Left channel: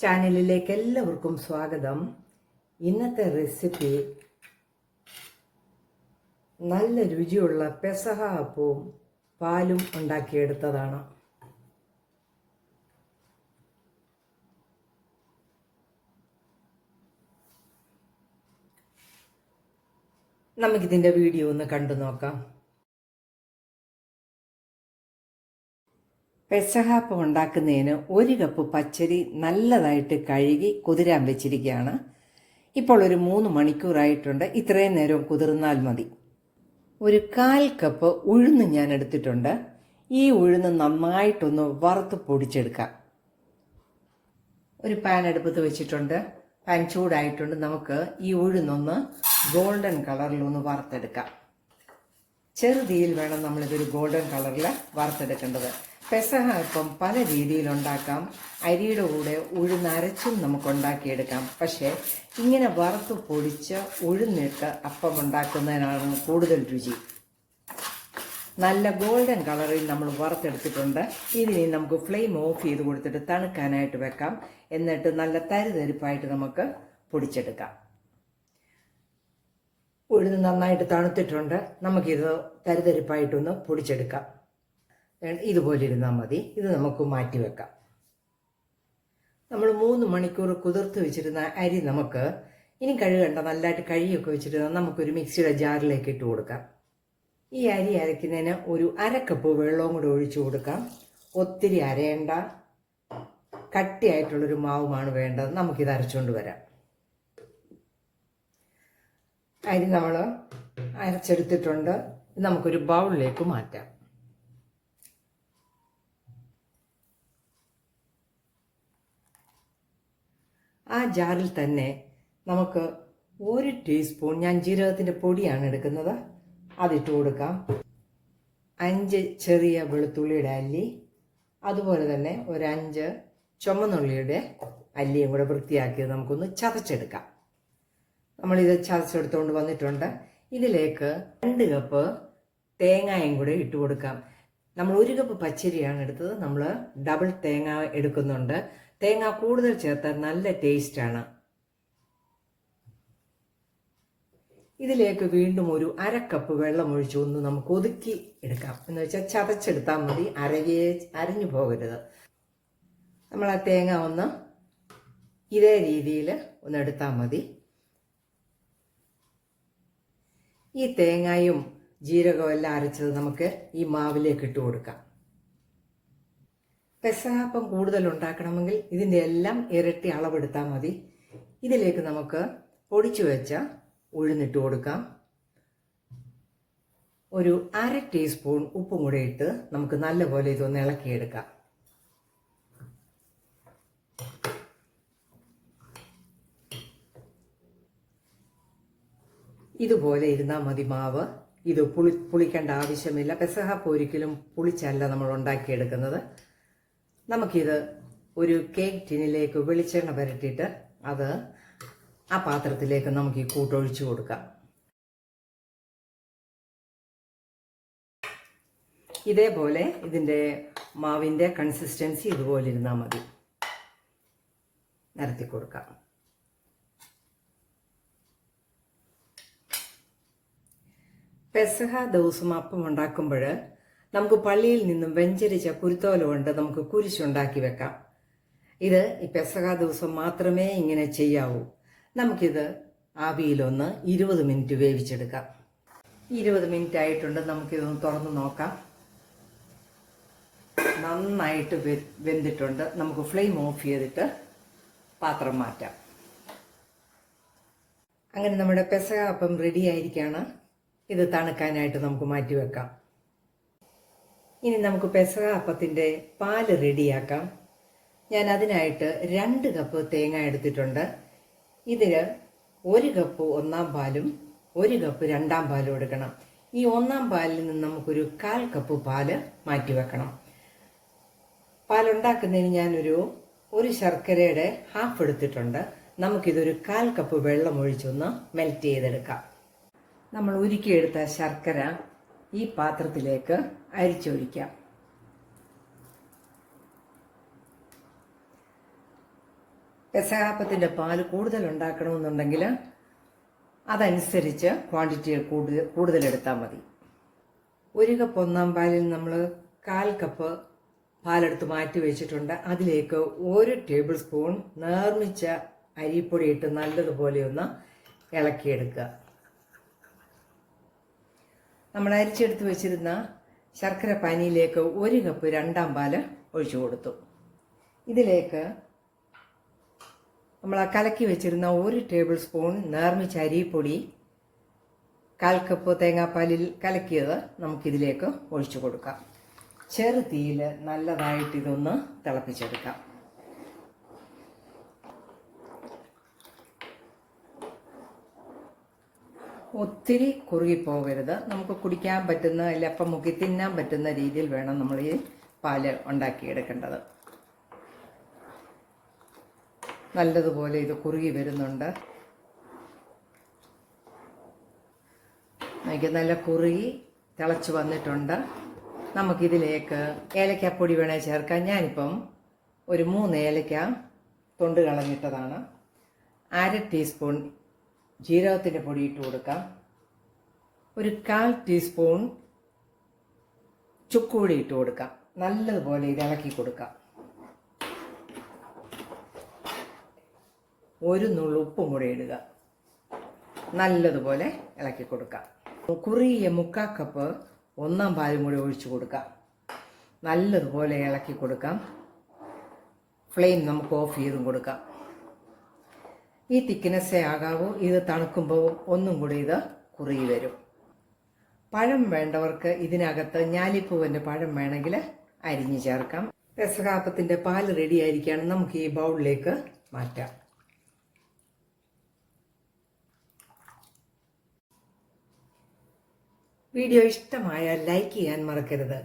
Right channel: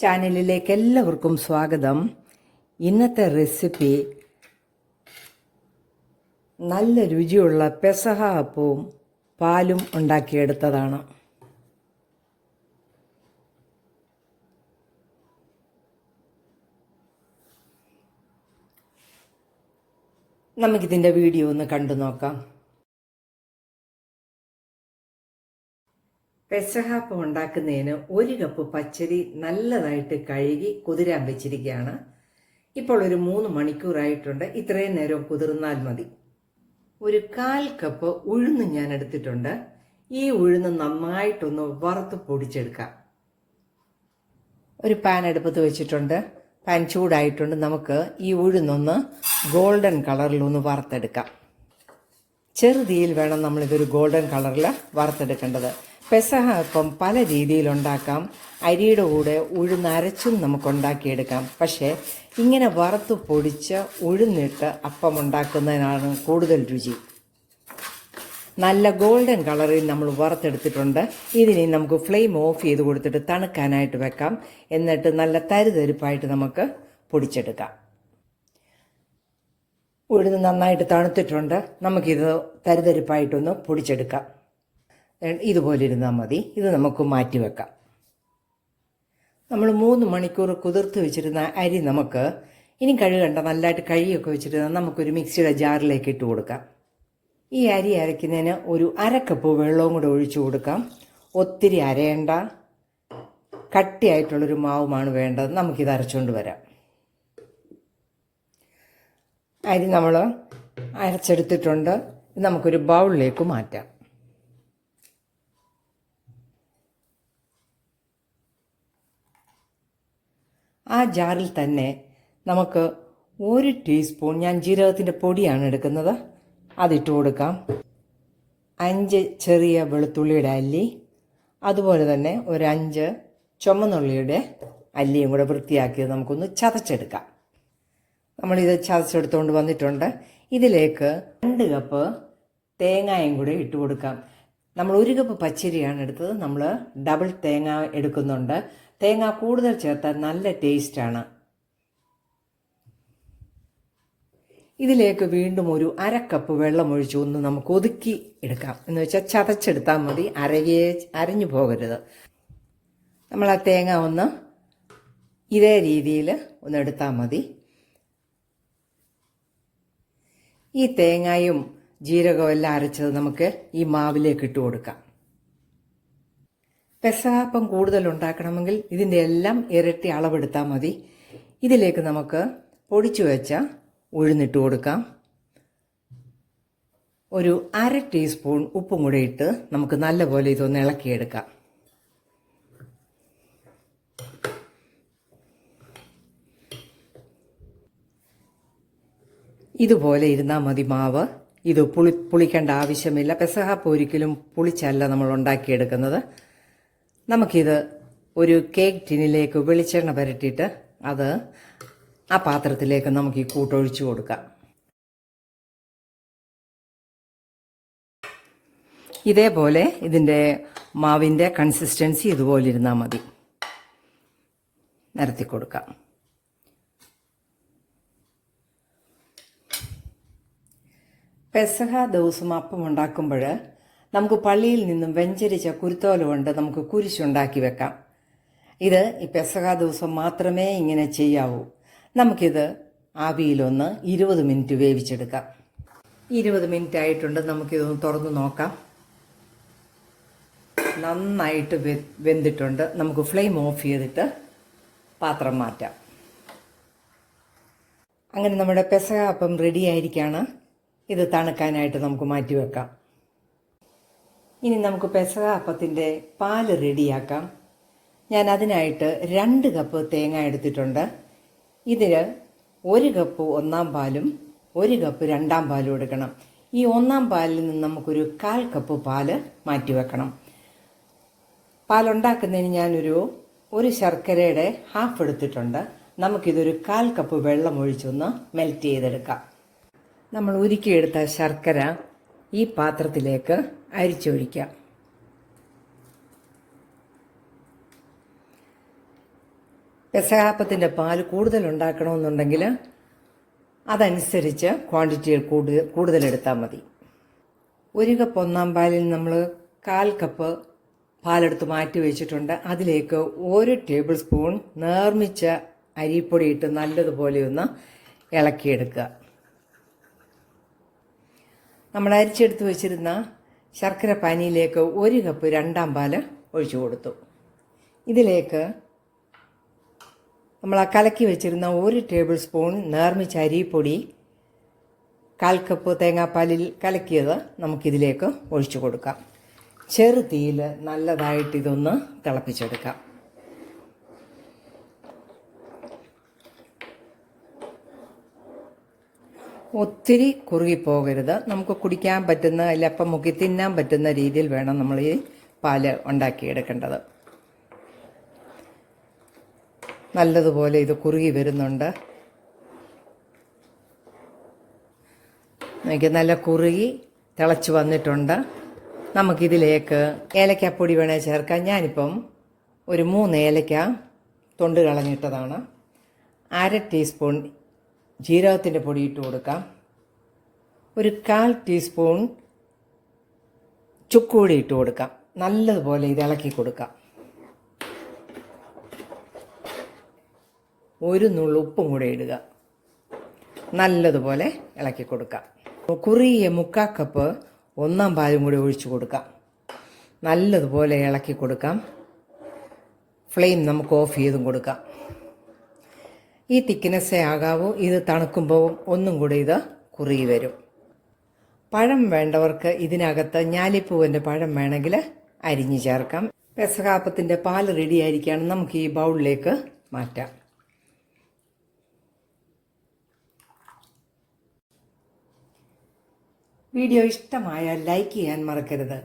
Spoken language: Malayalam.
ചാനലിലേക്ക് എല്ലാവർക്കും സ്വാഗതം. ഇന്നത്തെ റെസിപ്പി നല്ല രുചിയുള്ള പെസഹ അപ്പവും പാലും ഉണ്ടാക്കിയെടുത്തതാണ്. നമുക്കിതിൻ്റെ വീഡിയോ ഒന്ന് കണ്ടു നോക്കാം. പെസഹ അപ്പം ഉണ്ടാക്കുന്നതിന് 1 കപ്പ് പച്ചരി നല്ലതായിട്ട് കഴുകി കുതിരാൻ വെച്ചിരിക്കുകയാണ്. ഇപ്പോൾ ഒരു 3 മണിക്കൂറായിട്ടുണ്ട്. ഇത്രയും നേരം കുതിർന്നാൽ മതി. ഒരു 1/4 കപ്പ് ഉഴുന്ന് ഞാൻ എടുത്തിട്ടുണ്ട്. ഈ ഉഴുന്ന് നന്നായിട്ടൊന്ന് വറുത്ത് പൊടിച്ചെടുക്കാം. ഒരു പാൻ അടുപ്പത്ത് വെച്ചിട്ടുണ്ട്. പാൻ ചൂടായിട്ടുണ്ട്. നമുക്ക് ഈ ഉഴുന്നൊന്ന് ഗോൾഡൻ കളറിലൊന്ന് വറുത്തെടുക്കാം. ചെറുതീയിൽ വേണം നമ്മളിതൊരു ഗോൾഡൻ കളറിൽ വറുത്തെടുക്കേണ്ടത്. പെസഹ അപ്പം പല രീതിയിലുണ്ടാക്കാം. അരിയുടെ കൂടെ ഉഴുന്ന് അരച്ചും നമുക്ക് ഉണ്ടാക്കിയെടുക്കാം. പക്ഷേ ഇങ്ങനെ വറുത്ത് പൊടിച്ച് ഉഴുന്നിട്ട് അപ്പം ഉണ്ടാക്കുന്നതിനാണ് കൂടുതൽ രുചി. നല്ല ഗോൾഡൻ കളറിൽ നമ്മൾ വറുത്തെടുത്തിട്ടുണ്ട്. ഇതിനി നമുക്ക് ഫ്ലെയിം ഓഫ് ചെയ്ത് കൊടുത്തിട്ട് തണുക്കാനായിട്ട് വെക്കാം. എന്നിട്ട് നല്ല തരിതരിപ്പായിട്ട് നമുക്ക് പൊടിച്ചെടുക്കാം. ഉഴുന്ന് നന്നായിട്ട് തണുത്തിട്ടുണ്ട്. നമുക്കിത് തരിതരിപ്പായിട്ടൊന്ന് പൊടിച്ചെടുക്കാം. ഇതുപോലെ ഇരുന്നാൽ മതി. ഇത് നമുക്ക് മാറ്റി വെക്കാം. നമ്മൾ 3 മണിക്കൂർ കുതിർത്ത് വെച്ചിരുന്ന അരി നമുക്ക് ഇനി കഴുകണ്ട, നല്ലതായിട്ട് കഴുകിയൊക്കെ വെച്ചിരുന്ന നമുക്കൊരു മിക്സിയുടെ ജാറിലേക്ക് ഇട്ട് കൊടുക്കാം. ഈ അരി അരയ്ക്കുന്നതിന് ഒരു 1/2 കപ്പ് വെള്ളവും കൂടെ ഒഴിച്ചു കൊടുക്കാം. ഒത്തിരി അരയേണ്ട, കട്ടിയായിട്ടുള്ളൊരു മാവുമാണ് വേണ്ടത്. നമുക്കിത് അരച്ചുകൊണ്ട് വരാം. അരി നമ്മൾ അരച്ചെടുത്തിട്ടുണ്ട്. ഇത് നമുക്കൊരു ബൗളിലേക്ക് മാറ്റാം. ആ ജാറിൽ തന്നെ നമുക്ക് 1 ടീസ്പൂൺ, ഞാൻ ജീരകത്തിൻ്റെ പൊടിയാണ് എടുക്കുന്നത്, അതിട്ട് കൊടുക്കാം. 5 ചെറിയ വെളുത്തുള്ളിയുടെ അല്ലി, അതുപോലെ തന്നെ ഒരു 5 ചുമന്നുള്ളിയുടെ അല്ലിയും കൂടെ വൃത്തിയാക്കിയത് നമുക്കൊന്ന് ചതച്ചെടുക്കാം. നമ്മളിത് ചതച്ചെടുത്തുകൊണ്ട് വന്നിട്ടുണ്ട്. ഇതിലേക്ക് 2 കപ്പ് തേങ്ങയും കൂടെ ഇട്ട് കൊടുക്കാം. നമ്മൾ 1 കപ്പ് പച്ചരിയാണ് എടുത്തത്. നമ്മൾ ഡബിൾ തേങ്ങ എടുക്കുന്നുണ്ട്. തേങ്ങ കൂടുതൽ ചേർത്താൽ നല്ല ടേസ്റ്റാണ്. ഇതിലേക്ക് വീണ്ടും ഒരു 1/2 കപ്പ് വെള്ളം ഒഴിച്ച് ഒന്ന് നമുക്ക് ഒതുക്കി എടുക്കാം. എന്ന് വെച്ചാൽ ചതച്ചെടുത്താൽ മതി, അരഞ്ഞു പോകരുത്. നമ്മൾ ആ തേങ്ങ ഒന്ന് ഇതേ രീതിയിൽ ഒന്ന് എടുത്താൽ മതി. ഈ തേങ്ങയും ജീരകവും എല്ലാം അരച്ചത് നമുക്ക് ഈ മാവിലേക്ക് ഇട്ട് കൊടുക്കാം. പെസഹ അപ്പം കൂടുതൽ ഉണ്ടാക്കണമെങ്കിൽ ഇതിൻ്റെ എല്ലാം ഇരട്ടി അളവെടുത്താൽ മതി. ഇതിലേക്ക് നമുക്ക് പൊടിച്ചു വെച്ച ഉഴുന്നിട്ട് കൊടുക്കാം. ഒരു 1/2 ടീസ്പൂൺ ഉപ്പും കൂടെ ഇട്ട് നമുക്ക് നല്ലപോലെ ഇതൊന്ന് ഇളക്കിയെടുക്കാം. ഇതുപോലെ ഇരുന്നാൽ മതി മാവ്. ഇത് പുളിക്കേണ്ട ആവശ്യമില്ല. പെസഹ അപ്പം ഒരിക്കലും പുളിച്ചല്ല നമ്മൾ ഉണ്ടാക്കിയെടുക്കുന്നത്. നമുക്കിത് ഒരു കേക്ക് ടിന്നിലേക്ക് വെളിച്ചെണ്ണ പുരട്ടിയിട്ട് അത് ആ പാത്രത്തിലേക്ക് നമുക്ക് ഈ കൂട്ടൊഴിച്ചു കൊടുക്കാം. ഇതേപോലെ ഇതിൻ്റെ മാവിൻ്റെ കൺസിസ്റ്റൻസി ഇതുപോലെ ഇരുന്നാൽ മതി. നിരത്തി കൊടുക്കാം. പെസഹ ദിവസം അപ്പം ഉണ്ടാക്കുമ്പോൾ നമുക്ക് പള്ളിയിൽ നിന്നും വെഞ്ചരിച്ച കുരുത്തോല കൊണ്ട് നമുക്ക് കുരിശുണ്ടാക്കി വെക്കാം. ഇത് ഈ പെസഹ ദിവസം മാത്രമേ ഇങ്ങനെ ചെയ്യാവൂ. നമുക്കിത് ആവിയിലൊന്ന് 20 മിനിറ്റ് വേവിച്ചെടുക്കാം. 20 മിനിറ്റ് ആയിട്ടുണ്ട്. നമുക്കിതൊന്ന് തുറന്ന് നോക്കാം. നന്നായിട്ട് വെന്തിട്ടുണ്ട്. നമുക്ക് ഫ്ലെയിം ഓഫ് ചെയ്തിട്ട് പാത്രം മാറ്റാം. അങ്ങനെ നമ്മുടെ പെസഹ അപ്പം റെഡി ആയിരിക്കുകയാണ്. ഇത് തണുക്കാനായിട്ട് നമുക്ക് മാറ്റി വെക്കാം. ഇനി നമുക്ക് പെസഹ അപ്പത്തിൻ്റെ പാല് റെഡിയാക്കാം. ഞാൻ അതിനായിട്ട് 2 കപ്പ് തേങ്ങ എടുത്തിട്ടുണ്ട്. ഇതിന് 1 കപ്പ് 1-ാം പാലും 1 കപ്പ് 2-ാം പാലും എടുക്കണം. ഈ 1-ാം പാലിൽ നിന്ന് നമുക്കൊരു 1/4 കപ്പ് പാല് മാറ്റി വെക്കണം. പാലുണ്ടാക്കുന്നതിന് ഞാനൊരു ശർക്കരയുടെ ഹാഫ് എടുത്തിട്ടുണ്ട്. നമുക്കിതൊരു 1/4 കപ്പ് വെള്ളം ഒഴിച്ചൊന്ന് മെൽറ്റ് ചെയ്തെടുക്കാം. നമ്മൾ ഉരുക്കിയെടുത്ത ശർക്കര ഈ പാത്രത്തിലേക്ക് അരിച്ചൊഴിക്കാം. പെസഹാപ്പത്തിൻ്റെ പാൽ കൂടുതൽ ഉണ്ടാക്കണമെന്നുണ്ടെങ്കിൽ അതനുസരിച്ച് ക്വാണ്ടിറ്റി കൂടുതലെടുത്താൽ മതി. 1 കപ്പ് ഒന്നാം പാലിൽ നമ്മൾ 1/4 കപ്പ് പാലെടുത്ത് മാറ്റി വെച്ചിട്ടുണ്ട്. അതിലേക്ക് 1 ടേബിൾ സ്പൂൺ നേർമിച്ച അരിപ്പൊടി ഇട്ട് നല്ലതുപോലെ ഒന്ന് ഇളക്കിയെടുക്കുക. നമ്മൾ അരിച്ചെടുത്ത് വെച്ചിരുന്ന ശർക്കര പാനിയിലേക്ക് 1 കപ്പ് രണ്ടാം പാല് ഒഴിച്ചു കൊടുത്തു. ഇതിലേക്ക് നമ്മൾ കലക്കി വെച്ചിരുന്ന 1 ടേബിൾ സ്പൂൺ നേർമിച്ച അരിപ്പൊടി 1/4 കപ്പ് തേങ്ങാപ്പാലിൽ കലക്കിയത് നമുക്കിതിലേക്ക് ഒഴിച്ചു കൊടുക്കാം. ചെറു തീയിൽ നല്ലതായിട്ട് ഇതൊന്ന് തിളപ്പിച്ചെടുക്കാം. ഒത്തിരി കുറുകിപ്പോകരുത്. നമുക്ക് കുടിക്കാൻ പറ്റുന്ന ഇലപ്പം മുക്കി തിന്നാൻ പറ്റുന്ന രീതിയിൽ വേണം നമ്മൾ ഈ പാല് ഉണ്ടാക്കിയെടുക്കേണ്ടത്. നല്ലതുപോലെ ഇത് കുറുകി വരുന്നുണ്ട്. എനിക്ക് നല്ല കുറുകി തിളച്ച് വന്നിട്ടുണ്ട്. നമുക്കിതിലേക്ക് ഏലക്കാപ്പൊടി വേണേൽ ചേർക്കാം. ഞാനിപ്പം ഒരു 3 ഏലക്ക തൊണ്ട് കളഞ്ഞിട്ടതാണ്. 1/2 ടീസ്പൂൺ ജീരകത്തിൻ്റെ പൊടി ഇട്ട് കൊടുക്കാം. ഒരു 1/4 ടീസ്പൂൺ ചുക്കുപൊടി ഇട്ട് കൊടുക്കാം. നല്ലതുപോലെ ഇത് ഇളക്കി കൊടുക്കാം. 1 നുള്ളു ഉപ്പും കൂടെ ഇടുക. നല്ലതുപോലെ ഇളക്കി കൊടുക്കാം. കുറിയ 1/4 കപ്പ് ഒന്നാം പാലും കൂടി ഒഴിച്ചു കൊടുക്കാം. നല്ലതുപോലെ ഇളക്കി കൊടുക്കാം. ഫ്ലെയിം നമുക്ക് ഓഫ് ചെയ്തും കൊടുക്കാം. ഈ തിക്നെസ്സേ ആകാവൂ. ഇത് തണുക്കുമ്പോൾ ഒന്നും കൂടി ഇത് കുറുകി വരും. പഴം വേണ്ടവർക്ക് ഇതിനകത്ത് ഞാലിപ്പൂവിൻ്റെ പഴം വേണമെങ്കിൽ അരിഞ്ഞ് ചേർക്കാം. പെസഹാപ്പത്തിൻ്റെ പാൽ റെഡി ആയിരിക്കുകയാണ്. നമുക്ക് ഈ ബൗളിലേക്ക് മാറ്റാം. വീഡിയോ ഇഷ്ടമായാൽ ലൈക്ക് ചെയ്യാൻ മറക്കരുത്.